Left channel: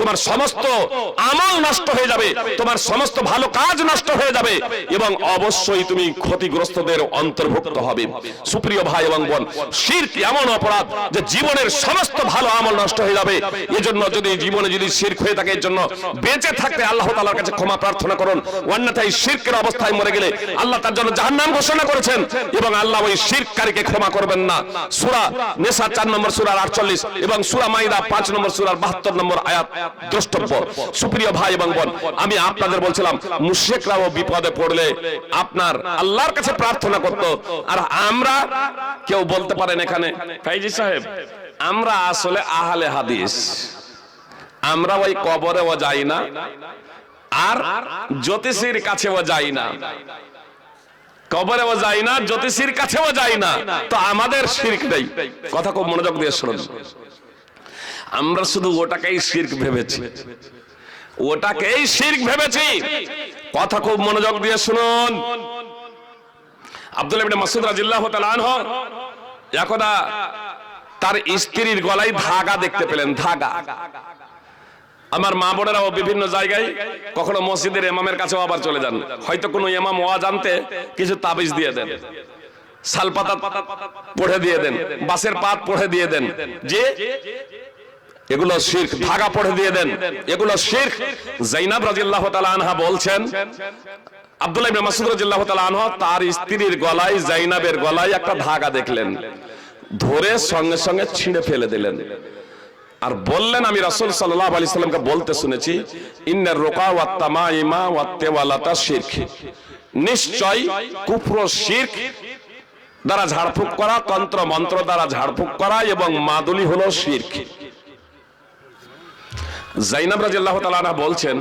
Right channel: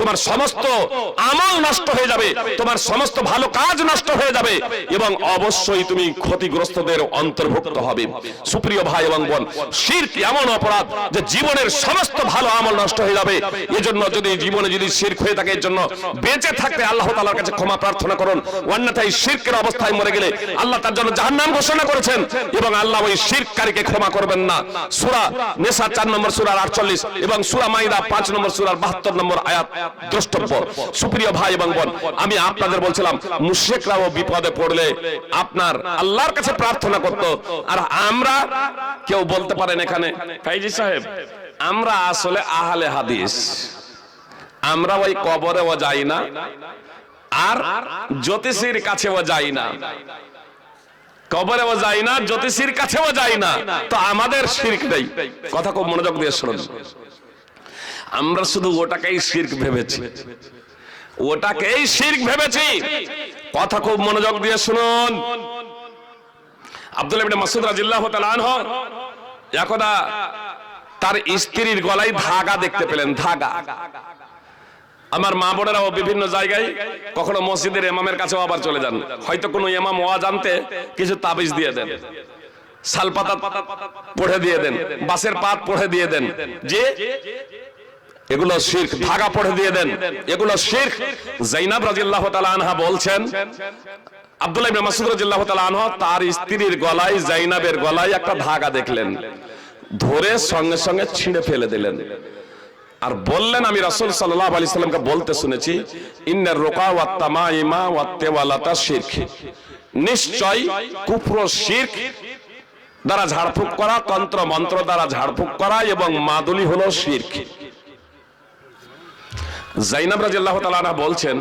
তোমার সমস্ত আমল নষ্ট হয়ে যাবে, তোমার সমস্ত ভালো কাজ নষ্ট হয়ে যাবে এবং অবশ্যই তুমি ক্ষতিগ্রস্তদের অন্তর্ভুক্ত হবে। সুপ্রিয় ভাই এবং বোন, শিরক এমন অপরাধ যে জীবনের সমস্ত ভালো আমল নষ্ট হয়ে যাবে। এজন্য যদি জীবনে যদি শিরক হয়ে থাকে, এর জন্য বেঁচে থাকতে আল্লাহ তাআলার কাছে ক্ষমা প্রার্থনা করুন। অন্যথায় শিরকের অবস্থায় মরে গেলে আল্লাহ তার জন্য জাহান্নাম ঘোষণা করেছেন এবং আল্লাহ ওই শিরককারীকে ক্ষমা করবেন না। সূরা নিসা 4 নম্বর সূরার 48 এবং সূরা মাইদা 5 নম্বর সূরার 72 নম্বর আয়াত দ্রষ্টব্য। সুপ্রিয় ভাই এবং বোন, আমি আপনাদের বলছিলাম মুশরিকরাও বিপদে পড়লে আপনার আল্লাহর কাছে প্রার্থনা করত। আর আমরা কেউ বলতে পারেন এখানে কাজী সাহেব আমরা আসলে আহলে হাদিস, আমরা ওই কবরেও যাই না আর জ্যোতিষীর কাছেও যাই না, কবরেও যাই না, জ্যোতিষীর কাছেও যাই না, তো আমাদের শিরক নেই। কথা খুব মনোযোগ দিয়ে শুনুন। আমরা শুধু ওটাকেই শিরক ভেবেছি, ওটাকেই শিরক ভেবেছি। কথা খুব মনোযোগ দিয়ে শুনুন। আব্দুল্লাহ ইবনে মাসউদ রাদিয়াল্লাহু তাআলা আনহু একদা তার স্ত্রীর গলায় ধাগা দেখতে পেলেন, ধাগা। আমার মা বোনেরাও বিভিন্ন জায়গায় কখনো মসজিদের ইমামের কাছেও আবার চলে যান, হয়তো কোনো ইমাম ওয়াজ আনতে কিছু তাবিজ দিয়ে দেন, শালপাতা পড়ে দিয়ে দেন, বাঁশের পাত পড়ে দিয়ে দেন, যে এগুলো শিরক, ধাগা পড়ে দিয়ে দেন, এগুলো শিরক। যায়েনব রাদিয়াল্লাহু তাআলা আনহা বলছেন আব্দুল্লাহ ইবনে মাসউদ রাদিয়াল্লাহু তাআলা আনহু তার স্ত্রীর গলায়, যায়েনবের গলায় একটা ধাগা দেখলেন, ধরে সঙ্গে সঙ্গে ছিঁড়ে ফেলে দিলেন আর বললেন আমি রাসূল সাল্লাল্লাহু আলাইহি সাল্লামকে বলতে শুনেছি ইন্নার রুকা ওয়াত তামাইমা ওয়াত তাওয়ালাতা শিরক, নিশ্চয় কুফর শিরক দ্বারা ঝাড়ফুঁক করা, তন্ত্র মন্ত্র দ্বারা ঝাড়ফুঁক করা এবং মাদুলি হলো শিরক। যায়েনব রাদিয়াল্লাহু তাআলা আনহা বলছেন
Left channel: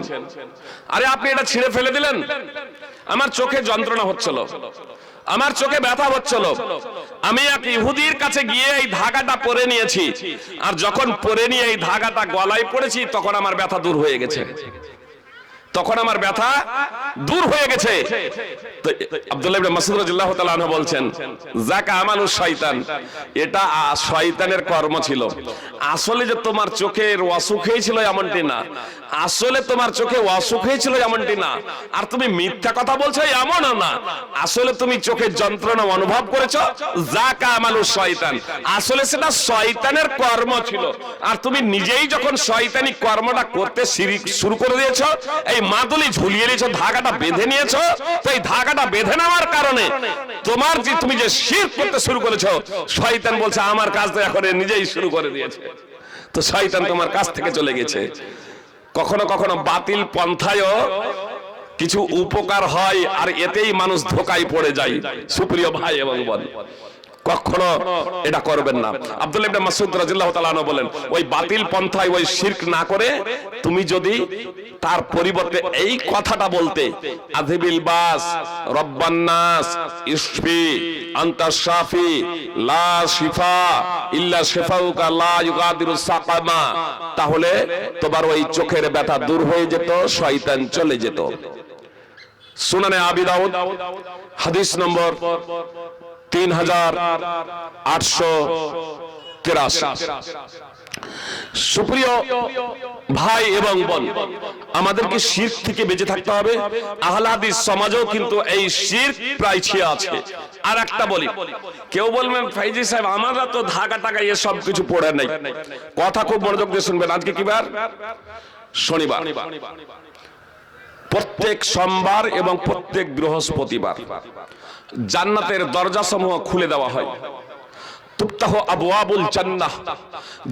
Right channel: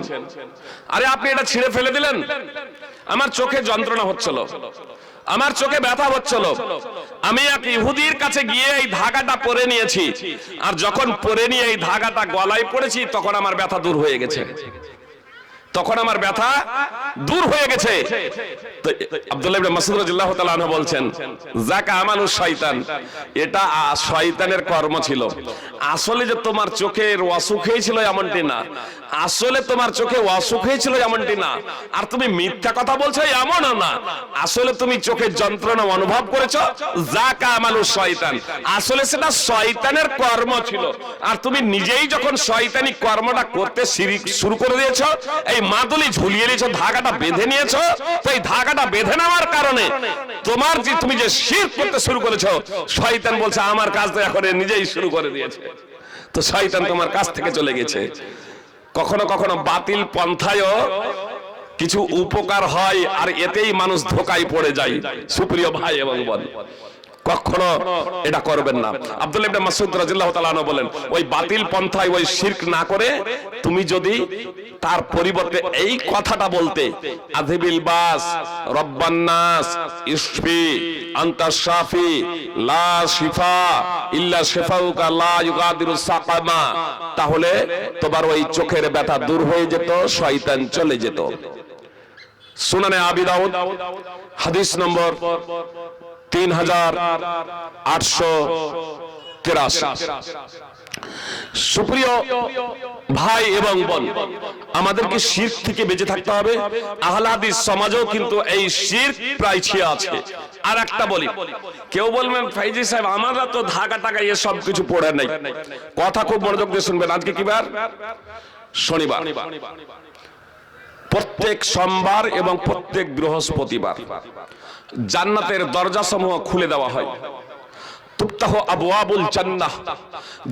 আরে আপনি এটা ছিঁড়ে ফেলে দিলেন, আমার চোখে যন্ত্রণা হচ্ছিল, আমার চোখে ব্যথা হচ্ছিল, আমি এক ইহুদির কাছে গিয়ে এই ধাগাটা পরে নিয়েছি, আর যখন পরে নিয়ে এই ধাগাটা গলায় পড়েছি তখন আমার ব্যথা দূর হয়ে গেছে, তখন আমার ব্যথা দূর হয়ে গেছে। তো আব্দুল্লাহ ইবনে মাসউদ রাদিয়াল্লাহু তাআলা আনহু বলছেন যাকা আমালু শয়তান, এটা শয়তানের কর্ম ছিল। আসলে যে তোমার চোখের অসুখ হয়েছিল এমনটি না, আসলে তোমার চোখে অসুখ হয়েছিল এমনটি না, আর তুমি মিথ্যা কথা বলছো এমনও না, আসলে তুমি চোখের যন্ত্রণা অনুভব করেছো, যাকা আমালু শয়তান, আসলে সেটা শয়তানের কর্ম ছিল। আর তুমি নিজেই যখন শয়তানি কর্মটা করতে শুরু করে দিয়েছো, এই মাদুলি ঝুলিয়ে নিয়েছো, ধাগাটা বেঁধে নিয়েছো, তো এই ধাগাটা বেঁধে নেওয়ার কারণে তোমার যে তুমি যে শিরক করতে শুরু করেছো, শয়তান বলছে আমার কাজ তো এখন নিজেই শুরু করে দিয়েছে, তো শয়তান তোমার কাছ থেকে চলে গেছে। কখনো কখনো বাতিল পন্থায়ও কিছু উপকার হয় আর এতেই মানুষ ধোঁকায় পড়ে যায়। সুপ্রিয় ভাই এবং বোন, কখনো এটা করবেন না। আব্দুল্লাহ ইবনে মাসউদ রাদিয়াল্লাহু তাআলা আনহু বলেন ওই বাতিল পন্থায় ওই শিরক না করে তুমি যদি তার পরিবর্তে এই কথাটা বলতে আযিবিল বাস রব্বান নাস ইশফি আনতা শাফি লা শিফা ইল্লা শিফাউকা লা ইউগাদিরু সাকামা, তাহলে তোমার ওই চোখের ব্যথা দূর হয়ে যেত, শয়তান চলে যেত। সুনানে আবি দাউদ হাদিস নম্বর 3883। সুপ্রিয় ভাই এবং বোন, আমাদেরকে শিরক থেকে বেঁচে থাকতে হবে। আহলে হাদিস সমাজেও কিন্তু এই শিরক প্রায় ছিয়া আছে। আর একটা বলি, কেউ বলবেন ফাইজি সাহেব আমরা তো ধাগা টাকা এ সব কিছু পড়ে নাই। কথা খুব মনোযোগ দিয়ে শুনবেন। আজকে কি বার? শনিবার। প্রত্যেক সোমবার এবং প্রত্যেক বৃহস্পতিবার জান্নাতের দরজাসমূহ খুলে দেওয়া হয়। তুফতাহু আবওয়াবুল জান্নাহ,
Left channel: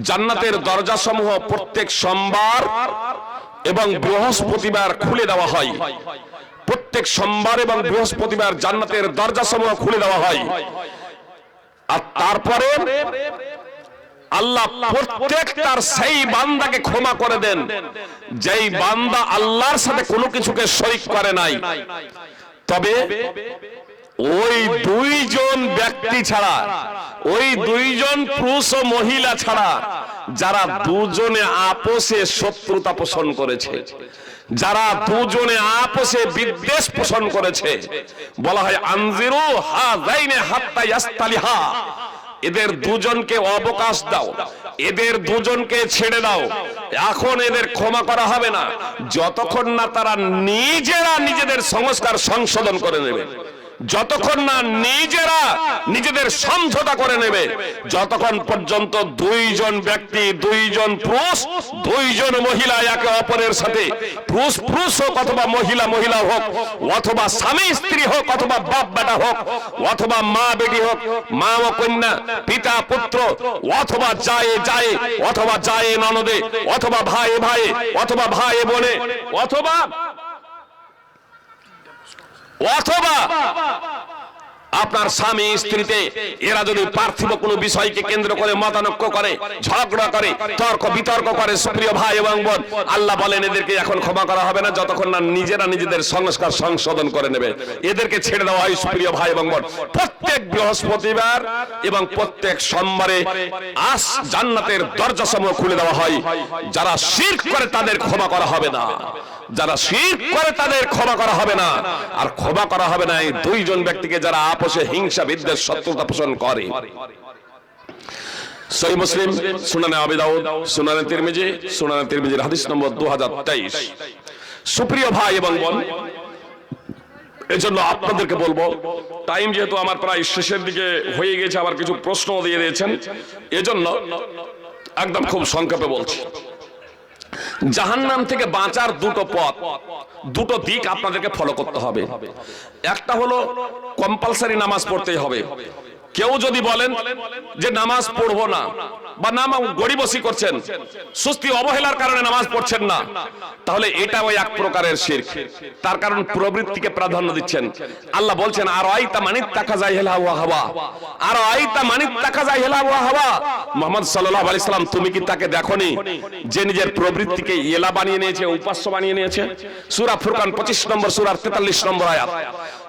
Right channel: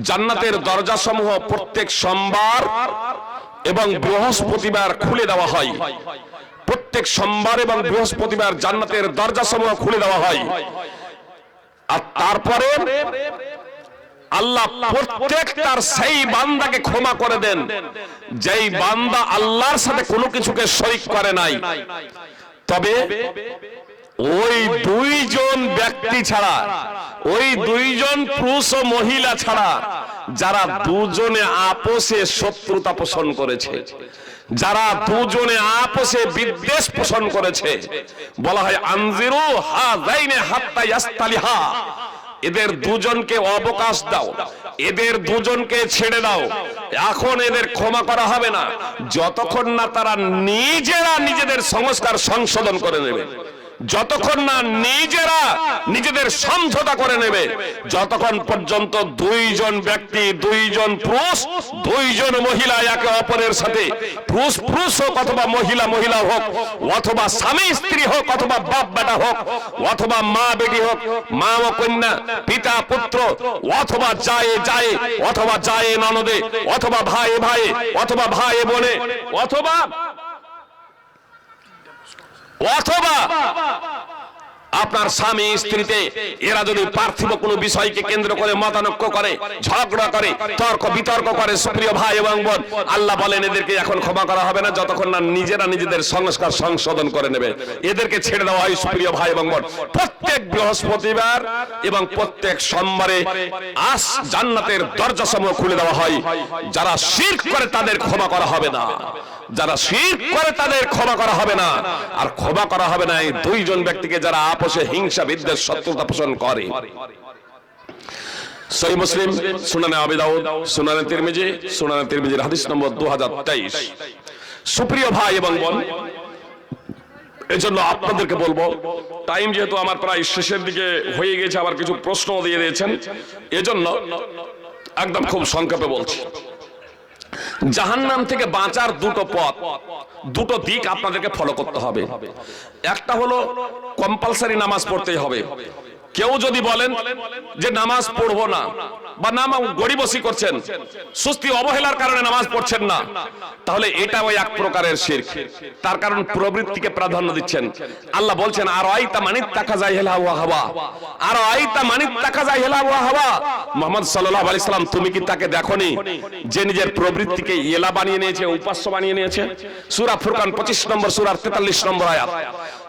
জান্নাতের দরজাসমূহ প্রত্যেক সোমবার এবং বৃহস্পতিবার খুলে দেওয়া হয়। প্রত্যেক সোমবার এবং বৃহস্পতিবার জান্নাতের দরজাসমূহ খুলে দেওয়া হয়। আর তারপরে আল্লাহ প্রত্যেক তার সেই বান্দাকে ক্ষমা করে দেন যেই বান্দা আল্লাহর সাথে কোনো কিছুকে শরীক করে নাই। তবে ওই দুইজন ব্যক্তি ছাড়া, ওই দুইজন পুরুষ ও মহিলা ছাড়া যারা দুজনে আপোষে শত্রুতা পোষণ করেছে, যারা দুজনে আপোষে বিদ্বেষ পোষণ করেছে, বলা হয় আনজিরু হাযাইনি হাত্তা ইয়াস্তালিহা, এদের দুজনকে অবকাশ দাও, এদের দুজনকে ছেড়ে দাও। এখন এদের ক্ষমা করা হবে না যতক্ষণ না তারা নিজেরা নিজেদের সংস্কার সংশোধন করে নেবে, যতক্ষণ না নিজেরা নিজেদের সমঝোতা করে নেবে, যতক্ষণ পর্যন্ত দুইজন ব্যক্তি, দুইজন পুরুষ, দুইজন মহিলা একে অপরের সাথে, পুরুষ পুরুষ হোক অথবা মহিলা মহিলা হোক, অথবা স্বামী স্ত্রী হোক অথবা বাপ বেটা হোক, অথবা মা বেটি হোক, মা ও কন্যা, পিতা পুত্র, অথবা জায়ে জায়ে, অথবা জায়ে ননদে, অথবা ভাই ভাই, অথবা ভাই বোনে, অথবা আপনার স্বামী স্ত্রীতে এরা যদি পার্থিব কোনো বিষয়কে কেন্দ্র করে মতানৈক্য করে, ঝগড়া করে, তর্ক বিতর্ক করে, সুপ্রিয় ভাই এবং বোন, আল্লাহ বলেন এদেরকে এখন ক্ষমা করা হবে না যতক্ষণ না নিজেরা নিজেদের সংস্কার সংশোধন করে নেবে। এদেরকে ছেড়ে দেওয়া হয় সুপ্রিয় ভাই এবং বোন। প্রত্যেক বৃহস্পতিবার এবং প্রত্যেক সোমবারে জান্নাতের দরজাসমূহ খুলে দেওয়া হয়। যারা শিরক করে তাদের ক্ষমা করা হবে না, যারা শিরক করে তাদের ক্ষমা করা হবে না। আর ক্ষমা করা হবে না এই দুইজন ব্যক্তিকে যারা আপোষে হিংসা বিদ্বেষ শত্রুতা পোষণ করে। সহিহ মুসলিম, সুনানে আবি দাউদ, সুনানে তিরমিজির হাদিস নম্বর 2023। সুপ্রিয় ভাই এবং বোন, এজন্য আপনাদেরকে বলবো, টাইম যেহেতু আমার প্রায় শেষের দিকে হয়ে গেছে, আবার কিছু প্রশ্ন দিয়ে দিয়েছেন, এজন্য একদম খুব সংক্ষেপে বলছি। জাহান্নাম থেকে বাঁচার দুটো পথ, দুটো দিক আপনাদেরকে ফলো করতে হবে। একটা হলো কম্পালসারি নামাজ পড়তেই হবে। কেউ যদি বলেন যে নামাজ পড়বো না, বা নামাজ গড়িবসি করছেন, সুস্তি অবহেলার কারণে নামাজ পড়ছেন না, তাহলে এটা ওই এক প্রকারের শিরক। তার কারণ প্রবৃত্তিকে প্রাধান্য দিচ্ছেন। আল্লাহ বলছেন আর আইতা মানিত তাকাজা ইলা ওয়া হাওয়া, আর আইতা মানিত তাকাজা ইলা ওয়া হাওয়া। মুহাম্মদ সাল্লাল্লাহু আলাইহি সাল্লাম, তুমি কি তাকে দেখোনি যে নিজের প্রবৃত্তিকে ইলা বানিয়ে নিয়েছে, উপাস্য বানিয়ে নিয়েছে? সূরা ফুরকান 25 নম্বর সূরার 43 নম্বর আয়াত।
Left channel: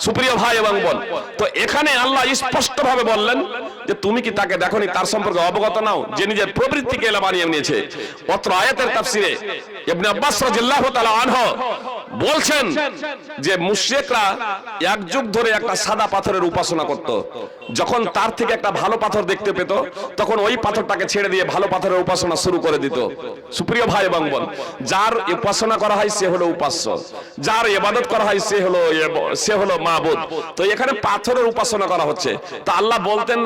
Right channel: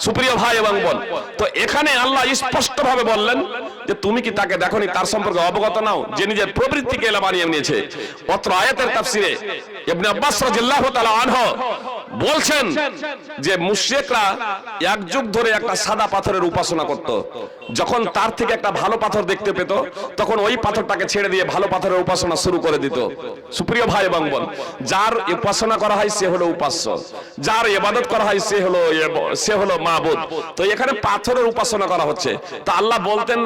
সুপ্রিয় ভাই এবং বোন, তো এখানে আল্লাহ স্পষ্টভাবে বললেন যে তুমি কি তাকে দেখোনি, তার সম্পর্কে অবগত নাও যে নিজের প্রবৃত্তিকে এলা বানিয়ে নিয়েছে। অত্র আয়াতের তাফসিরে ইবনে আব্বাস রাদিয়াল্লাহু তাআলা আনহু বলছেন যে মুশরিকরা এক যুগ ধরে একটা সাদা পাথরের উপাসনা করত। যখন তার থেকে একটা ভালো পাথর দেখতে পেত, তখন ওই পাথরটাকে ছেড়ে দিয়ে ভালো পাথরের উপাসনা শুরু করে দিত। সুপ্রিয় ভাই এবং বোন, যার উপাসনা করা হয় সে হলো উপাস্য, যার ইবাদত করা হয় সে হলো মাবুদ। তো এখানে পাথরের উপাসনা করা হচ্ছে। তো আল্লাহ বলতেন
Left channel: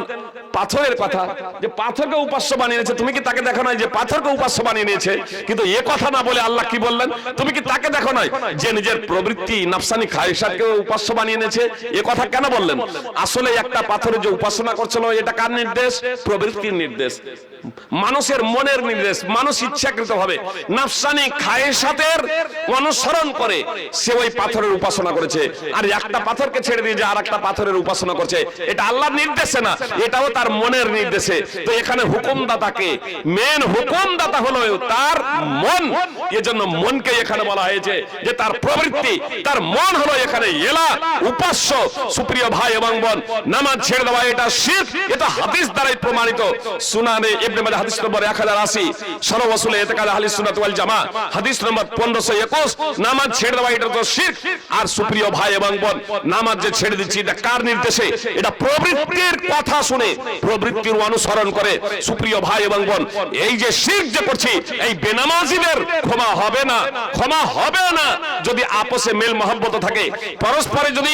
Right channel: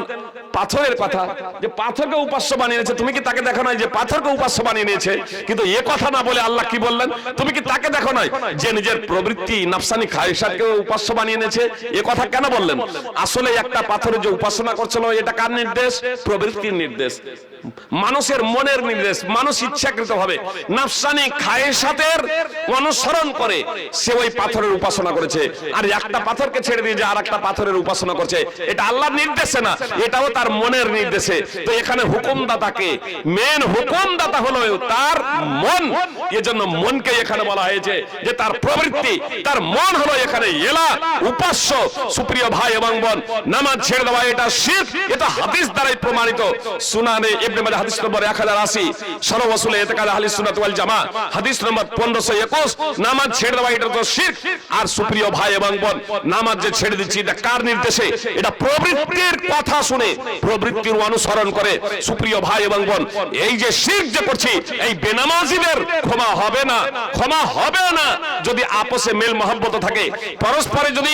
পাথরের কথা, যে পাথরকে উপাস্য বানিয়ে নিয়েছে, তুমি কি তাকে দেখো নাই যে পাথরকে উপাস্য বানিয়ে নিয়েছে? কিন্তু এ কথা না বলে আল্লাহ কি বললেন, তুমি কি তাকে দেখো নাই যে নিজের প্রবৃত্তি নাফসানি খায়সাতকে উপাস্য বানিয়ে নিয়েছে? এ কথা কেন বললেন? আসলে একটা পাথরের যে উপাসনা করছিল, এটা কার নির্দেশ? প্রবৃত্তির নির্দেশ, মানুষের মনের নির্দেশ। মানুষ ইচ্ছাকৃতভাবে নাফসানি খায়সাতের অনুসরণ করে সে ওই পাথরের উপাসনা করেছে। আর একটা পাথরকে ছেড়ে দিয়ে যে আরেকটা পাথরের উপাসনা করছে, এটা আল্লাহর নির্দেশে না, এটাও তার মনের নির্দেশে। তো এখানে হুকুমদাতাকে, মেন হুকুমদাতা হলো তার মন। এজন্য মনকে এখানে বলা হয়েছে যে তার প্রবৃত্তি, তার মন হলো এখানে এলা, উপাস্য। সুপ্রিয় ভাই এবং বোন, নামাজ ছেড়ে দেওয়া এটা শিরক, এটা হাদিস দ্বারাই প্রমাণিত। সুনানে ইবনে মাজাহ হাদিস নম্বর 1080, সনদ ওয়াসুল ইতিকাদ আহলে সুন্নাত ওয়াল জামাত হাদিস নম্বর 1521, নামাজ ছেড়ে দেওয়া এটা তো শিরক। আর সুপ্রিয় ভাই এবং বোন, নামাজ যে ছেড়ে দিচ্ছি এটা কার নির্দেশে? এটা প্রবৃত্তির কথা শুনে, প্রবৃত্তির অনুসরণ করে। সুপ্রিয় ভাই এবং বোন, এই যে শিরক যে করছি, এই বেনামাজিদের ক্ষমা হবে না, ক্ষমা হবে না যদি আপোষে মেল মহব্বত থাকে, পরস্পরে যদি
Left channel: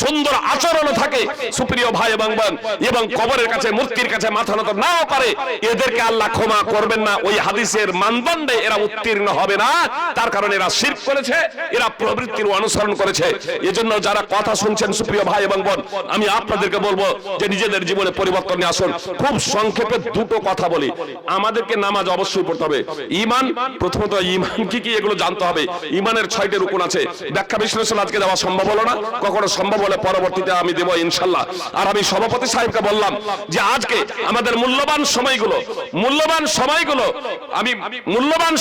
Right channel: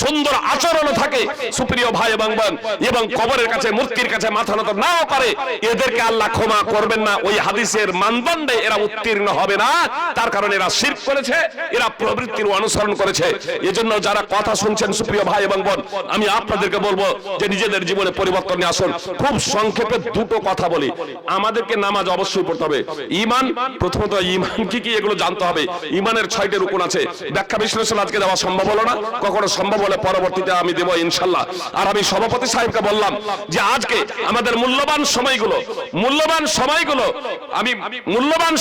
সুন্দর আচরণ থাকে। সুপ্রিয় ভাই এবং বোন, এবং কবরের কাছে, মূর্তির কাছে মাথা নত নাও করে, এদেরকে আল্লাহ ক্ষমা করবেন না। ওই হাদিসের মানদণ্ডে এরা উত্তীর্ণ হবে না। তার কারণে এরা শিরক করেছে, এরা প্রবৃত্তির অনুসরণ করেছে। এজন্য যারা কথা শুনছেন সুপ্রিয় ভাই এবং বোন, আমি আপনাদেরকে বলবো যে নিজেদের জীবনে পরিবর্তন নিয়ে আসুন। খুব সংক্ষেপে দুটো কথা বলি। আমাদেরকে নামাজ অবশ্যই পড়তে হবে। ঈমান, প্রথমত ঈমান কি কি এগুলো জানতে হবে। ঈমানের 6টি রুকুন আছে। ব্যাখ্যা বিশ্লেষণ আজকে দেওয়া সম্ভব হলো না, কখনো সম্ভব হলে পরবর্তীতে আমি দেব ইনশাআল্লাহ। আর আমি সভাপতি সাহেবকে বললাম যে আজকে আমাদের মূল্যবান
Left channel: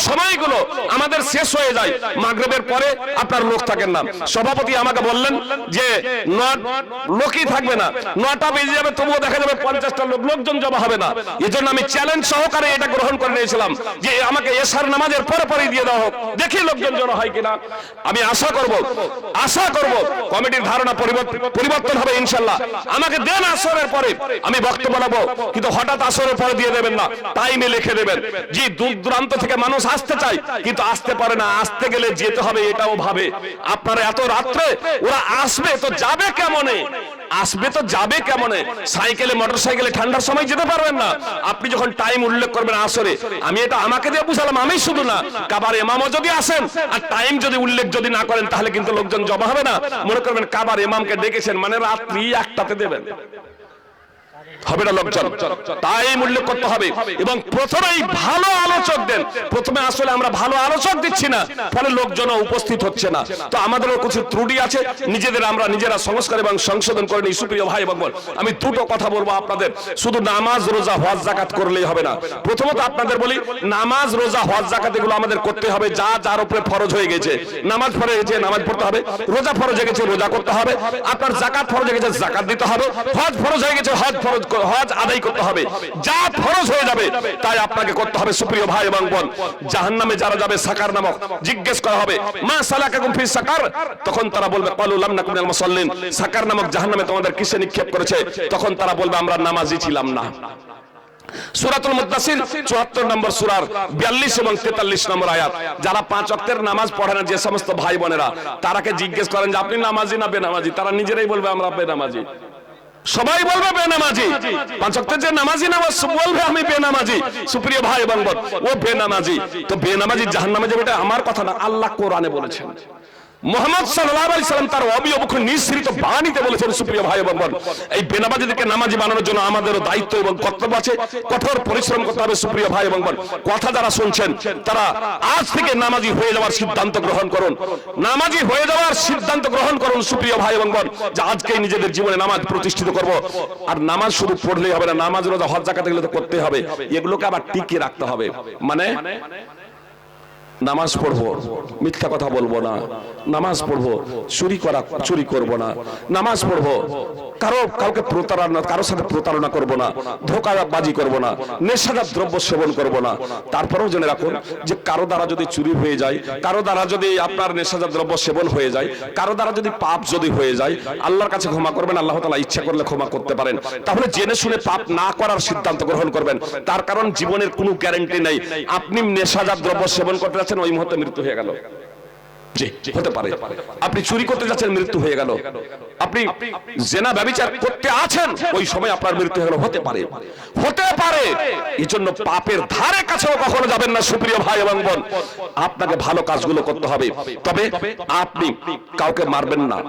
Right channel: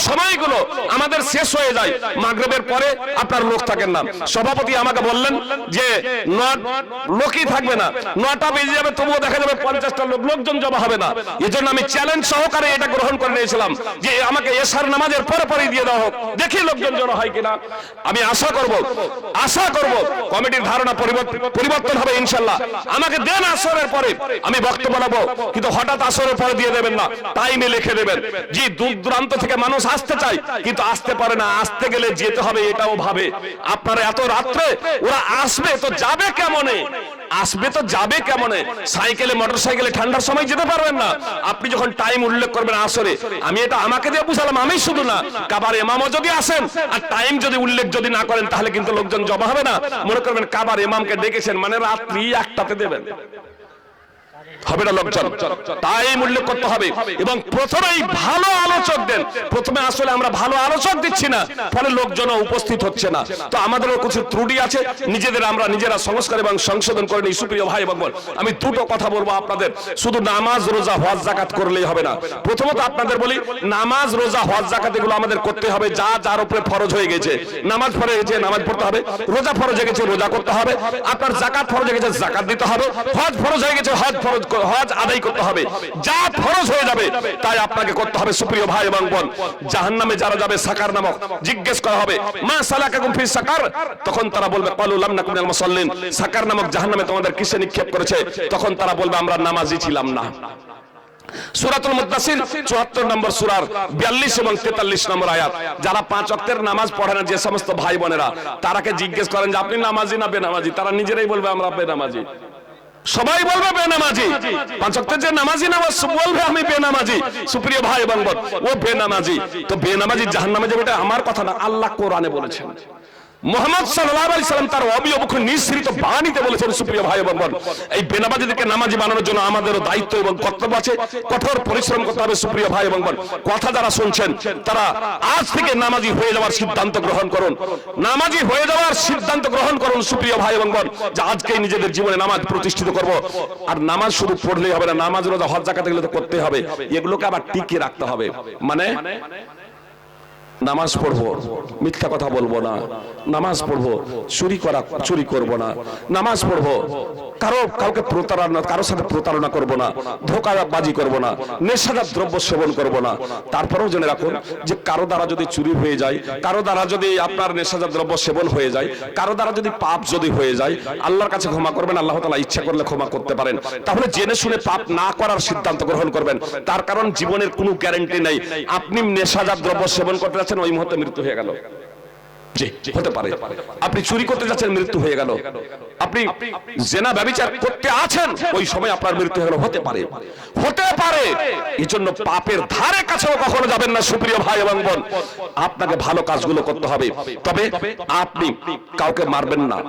সময়গুলো আমাদের শেষ হয়ে যায়, মাগরিবের পরে আপনার লোক থাকেন না। সভাপতি আমাকে বললেন যে লোকই থাকবে না, 9টা বেজে যাবে যাবে, তবুও দেখা যাবে 50টা লোকজন জমা হবে না। এজন্য আমি চ্যালেঞ্জ সহকারে এটা গ্রহণ করে নিয়েছিলাম যে আমাকে এশার নামাজের পরে পরে দিয়ে দেওয়া হোক, দেখি লোকজন জড়ো হয় কিনা। আমি আশা করব কমিটির ধারণা পরিবর্তন হবে ইনশাআল্লাহ। আমাকে দেন আসরের পরে, আমি বক্তব্য নেব, কিন্তু হঠাৎ আসরের পরে দিয়ে দেবেন না, টাইমে লিখে দেবেন। জি, দূর দূরান্ত থেকে মানুষ আসতে চায় কিন্তু আসতে পারে না, আসতে গেলে যেতে হবে এটাও ভাবে। আপনারা এত রাত্রে ওরা আসবে তো যাবে কেমনে, সাইকেলে মোটরসাইকেলে ঠান্ডার সময় যেতে পারবেন না। আপনি যখন টাইম উল্লেখ করবেন আসরে, আমি এটা আমাকে দিয়ে বুঝালাম, আমি শুধু না, কাবার ইমামও যদি আসেন আর টাইম যদি উল্লেখ যদি না করেন তাহলে কিন্তু লোকজন জমা হবে না। মনে করবেন কাবার ইমামকে ডেকেছেন মানে রাত্রি 1টাতে দেবেন, হবে না লোকজন। টাইম উল্লেখ করতে হবে এবং প্রথমেই ভালো আলোচক দেন। প্রথমে আসলে আমরা ভালো আলোচক দিচ্ছি না, ফলে লোকজন উপস্থিত হচ্ছে না। তো আমাদেরও কিছু ত্রুটি আছে, আমরা নিজেরা সংস্কার এবং সংশোধন করে নিই। সুপ্রিয় ভাই এবং বোন, আমি দুটো কথা বলবো আপনাদের। শুধু নামাজ, রোজা, হজ, যাকাত করলেই হবে না। প্রথমত আপনাদের বলি, নামাজ, রোজা, হজ, যাকাত এগুলো আমাদের করতে হবে। যার উপরে ফরজ হয়ে গেছে, নামাজ ফরজ হয়ে গেছে, নামাজ পড়তে হবে। রোজা ফরজ হয়ে গেছে, রোজা করতে হবে। আপনার যাকাত ফরজ হয়ে গেছে, যাকাত দিতে হবে। হজ ফরজ হয়ে গেছে, হজ আদায় করতে হবে। যা ফরজ হয়ে যাবে তাই আপনাকে করতে হবে। সুপ্রিয় ভাই এবং বোন, জাহান্নামে যারা যাবে সাকার নামক, জিজ্ঞেস করা হবে মা সালাকাকুম ফি সাকার, তখন তারা বলবে ক্বালু লাম নাকু মিনাল মুসাল্লিন, সাকার নামক জাহান্নামে তোমাদের কিসে নিক্ষেপ করেছে? তখন তারা বলবে আমরা নামাজি ছিলাম না। সূরাতুল মুদ্দাসির 74 নম্বর সূরার 42 এবং 43 নম্বর আয়াত। যারা 5 ওয়াক্তের নামাজ পড়ে না যে সমস্ত ভাই বোনেরা, তারাকে জিজ্ঞেস করেন যে আপনি নামাজি না বেনামাজি? তারা নিজেরাই বলবে আমরা বেনামাজি। সবাই বলবে বেনামাজি। 5 ওয়াক্তের যে নামাজি নামাজ বলবে আমি বেনামাজি। সুপ্রিয় ভাই এবং বোন, ও বেনামাজি। তো বেনামাজি জাহান্নামে যাবে, এটা আমার কথা না, আল্লাহ কোরআনে বলেছেন। মুহাম্মদ সাল্লাল্লাহু আলাইহি সাল্লাম তার অবিয়বক্ষ নিঃসৃত বাণীতে বলেছেন। সুপ্রিয় ভাই এবং বোন, এই বেনামাজিদেরকে নামাজি বানানোর জন্য আমাদেরও দায়িত্ব এবং কর্তব্য আছে, কঠোর পরিশ্রম করতে হবে। সুপ্রিয় ভাই এবং বোন, কথা যারা শুনছেন তারা আজ থেকে নামাজি হয়ে যাওয়ার সিদ্ধান্ত গ্রহণ করুন, নামাজি হয়ে যাওয়ার সিদ্ধান্ত গ্রহণ করুন। সুপ্রিয় ভাই এবং বোন, যে আজকেই নিজেদের জীবনে নামাজ প্রতিষ্ঠিত করব। আর নামাজ শুধু পড়লেই হবে না, নামাজ, রোজা, হজ, যাকাত এগুলো তো করতে হবে, এগুলোকে আবার টিকিয়ে রাখতে হবে। মানে নামাজ পড়বো, মিথ্যা কথা বলবো না, নামাজ পড়বো, চুরি করব না, নামাজ পড়বো, কারোর সাথে প্রতারণা করব না, ধোঁকাবাজি করব না, নেশাদার দ্রব্য সেবন করব না। তারপরেও জেনে রাখুন যে কারো দ্বারা যদি চুরি হয়ে যায়, কারো দ্বারা যদি আপনার নেশাদার দ্রব্য সেবন হয়ে যায়, কারো দ্বারা যদি পাপ যদি হয়ে যায়, আল্লাহর কাছে ক্ষমা করবেন। আল্লাহ তাআলা ইচ্ছা করলে ক্ষমা করতে পারেন। তাহলে জেনে শুনে পাপ না করার সিদ্ধান্ত গ্রহণ করবেন। তার কারণ জীবনের কোনো গ্যারান্টি নেই। আপনি নেশাদার দ্রব্য সেবন করতে যাচ্ছেন, ওই মুহূর্তে মৃত্যু হয়ে গেল, জি হতে পারে। আপনি চুরি করতে যাচ্ছেন, মৃত্যু হয়ে গেল। আপনি জিনা ব্যভিচার করতে আছেন, ওই সময় আপনার মৃত্যু হয়ে গেল, হতে পারে। এজন্য পাপের ধারে কাছেও কখনো যাবেন না। সুপ্রিয় ভাই এবং বোন, আপনাকে ভালো কাজগুলো করতে হবে। তবে আপনি কাউকে মারবেন না,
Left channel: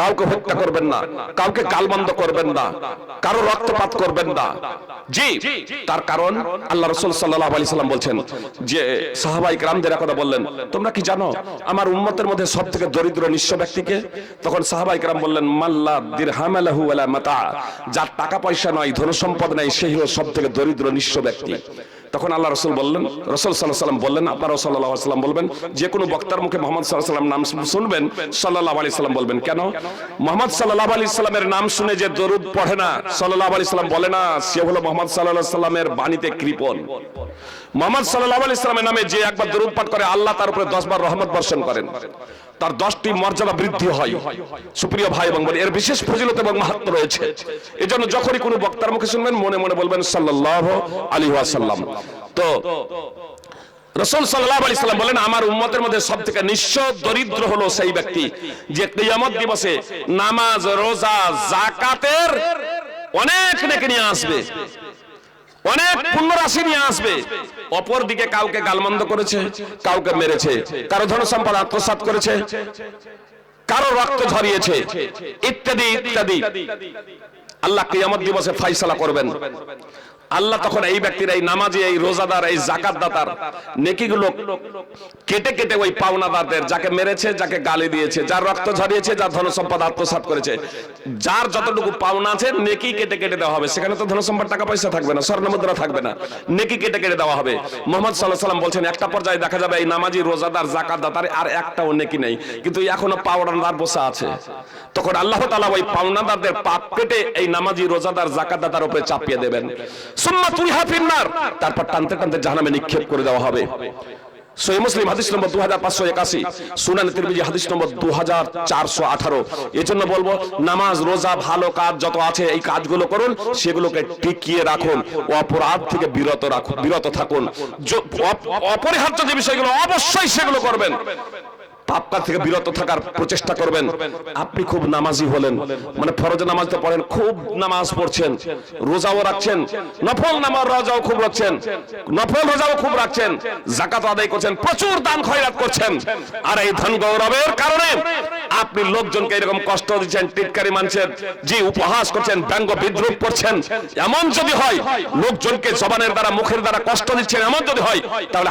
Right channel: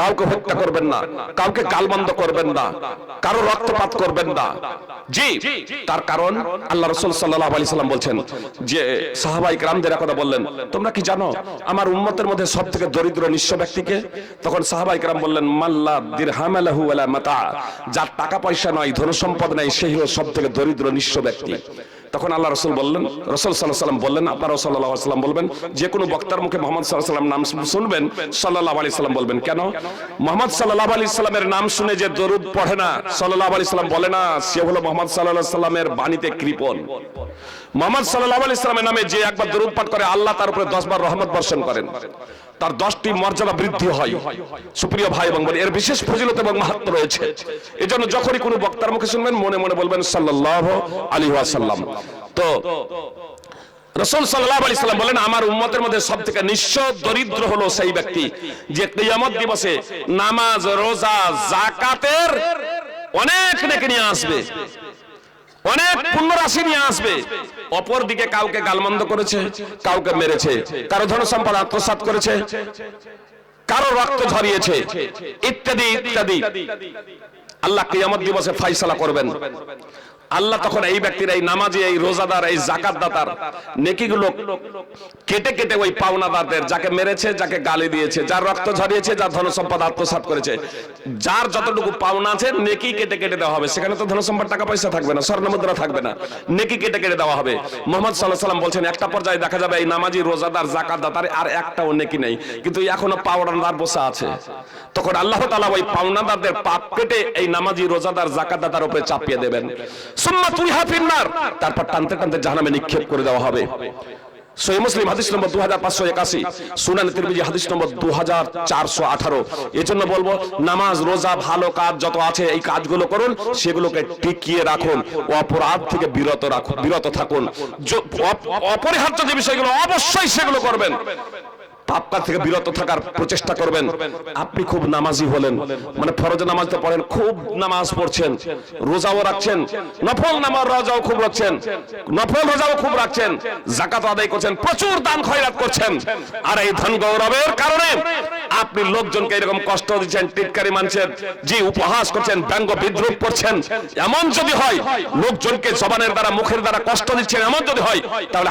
কাউকে হত্যা করবেন না, কাউকে গালমন্দ করবেন না, কারো রক্তপাত করবেন না। জি, তার কারণ আল্লাহ রাসূল সাল্লাল্লাহু আলাইহি সাল্লাম বলছেন যে সাহাবায়ে কেরামদের কথা বললেন, তোমরা কি জানো আমার উম্মতের মধ্যে সবথেকে দরিদ্র নিঃস্ব ব্যক্তিকে? তখন সাহাবায়ে কেরাম বললেন মাল্লা দিরহাম লাহু ওয়ালা মাতা, যার টাকা পয়সা নয়, ধন সম্পদ নাই, সেই হলো সবথেকে দরিদ্র নিঃস্ব ব্যক্তি। তখন আল্লাহ রাসূল বললেন, রাসূল সাল্লাল্লাহু আলাইহি সাল্লাম বললেন, আপনারা সাল্লাল্লাহু আলাইহি সাল্লাম বলবেন, যে কোনো বক্তার মুখে মুহাম্মদ সাল্লাল্লাহু আলাইহি সাল্লাম নাম শুনবেন, সাল্লাল্লাহু আলাইহি সাল্লাম বলবেন। কেন? মুহাম্মদ সাল্লাল্লাহু আলাইহি সাল্লামের নাম শুনে যে দরুদ পড়ে না, সাল্লাল্লাহু আলাইহি সাল্লাম বলে না, সে হলো মুহাম্মদ সাল্লাল্লাহু আলাইহি সাল্লামের বাণীতে কৃপণ। মুহাম্মদ সাল্লাল্লাহু আলাইহি সাল্লামের নামে যে একবার দরুদ পাঠ করে, আল্লাহ তার উপরে 10 বার রহমত বর্ষণ করেন, তার 10টি মর্যাদা বৃদ্ধি হয়। সুপ্রিয় ভাই এবং বোন, এর বিশেষ ফজিলত এবং মাহাত্ম্য রয়েছে। এজন্য যখনই কোনো বক্তার মুখে শুনবেন, মনে মনে বলবেন সাল্লাল্লাহু আলাইহি ওয়াসাল্লাম। তো রাসূল সাল্লাল্লাহু আলাইহি সাল্লাম বলেন, আমার উম্মতের মধ্যে সবথেকে নিঃস্ব দরিদ্র হলো সেই ব্যক্তি যে কিয়ামত দিবসে নামাজ, রোজা, যাকাতের অনেক নেকি নিয়ে আসবে, অনেক পুণ্য রাশি নিয়ে আসবে। অপর দিকে কাউকে গালমন্দ করেছে, কাউকে মেরেছে, কারো ধন সম্পদ আত্মসাৎ করেছে, কারো রক্ত ঝরিয়েছে, ইত্যাদি ইত্যাদি। আল্লাহ কিয়ামত দিবসে ফয়সালা করবেন। আল্লাহ তখন এই ব্যক্তির, এই নামাজি, এই রোজাদার, এই যাকাতদাতার নেকিগুলো কেটে কেটে ওই পাওনাদারদের, যাকে মেরেছে, যাকে গালি দিয়েছে, যার রক্ত ঝরিয়েছে, যার ধন সম্পদ আত্মসাৎ করেছে, যার যতটুকু পাওনা আছে নেকি কেটে কেটে দেওয়া হবে। সেখানে তো ধন সম্পদ, টাকা পয়সা থাকবে না, স্বর্ণ মুদ্রা থাকবে না, নেকি কেটে কেটে দেওয়া হবে। মুহাম্মদ সাল্লাল্লাহু আলাইহি সাল্লাম বলছেন, একটা পর্যায়ে দেখা যাবে এই নামাজি, রোজাদার, যাকাতদাতার আর একটাও নেকি নেই, কিন্তু এখনো পাওনাদার বসে আছে। তখন আল্লাহ তাআলা ওই পাওনাদারদের পাপ কেটে এই নামাজি রোজাদার যাকাতদাতার উপরে চাপিয়ে দেবেন। সুম্মা তুরিহা ফিন্নার, তারপর টানতে টানতে জাহান্নামে নিক্ষেপ করে দেওয়া হবে। সহিহ মুসলিম হাদিস নম্বর 2581, সুনান তিরমিজি হাদিস নম্বর 2418। এজন্য বলবো নামাজ রোজা ভালো কাজ যত আছে এই কাজগুলো করুন, সেগুলোকে টিকিয়ে রাখুন, অপরাধ থেকে বিরত থাকুন। অপরিহার্য যে বিষয়গুলো অবশ্যই সেগুলো করবেন, পাপ কাজ থেকে বিরত থাকার প্রচেষ্টা করবেন। আপনি খুব নামাজি হলেন, মানে ফরজ নামাজ তো পড়েন, খুব নামাজ পড়ছেন, রোজাও রাখছেন, নফল নামাজ রোজাও খুব রাখছেন, নফল রোজাও খুব রাখছেন, যাকাত আদায় করছেন, প্রচুর দান খয়রাত করছেন, আর এই ধন গৌরবের কারণে আপনি লোকজনকে এরকম কষ্ট দিচ্ছেন, টিটকারি মানছেন, যে উপহাস করছেন, ব্যঙ্গ বিদ্রুপ করছেন, এমন যদি হয় লোকজনকে জবানের দ্বারা মুখের দ্বারা কষ্ট দিচ্ছেন, এমন যদি হয় তাহলে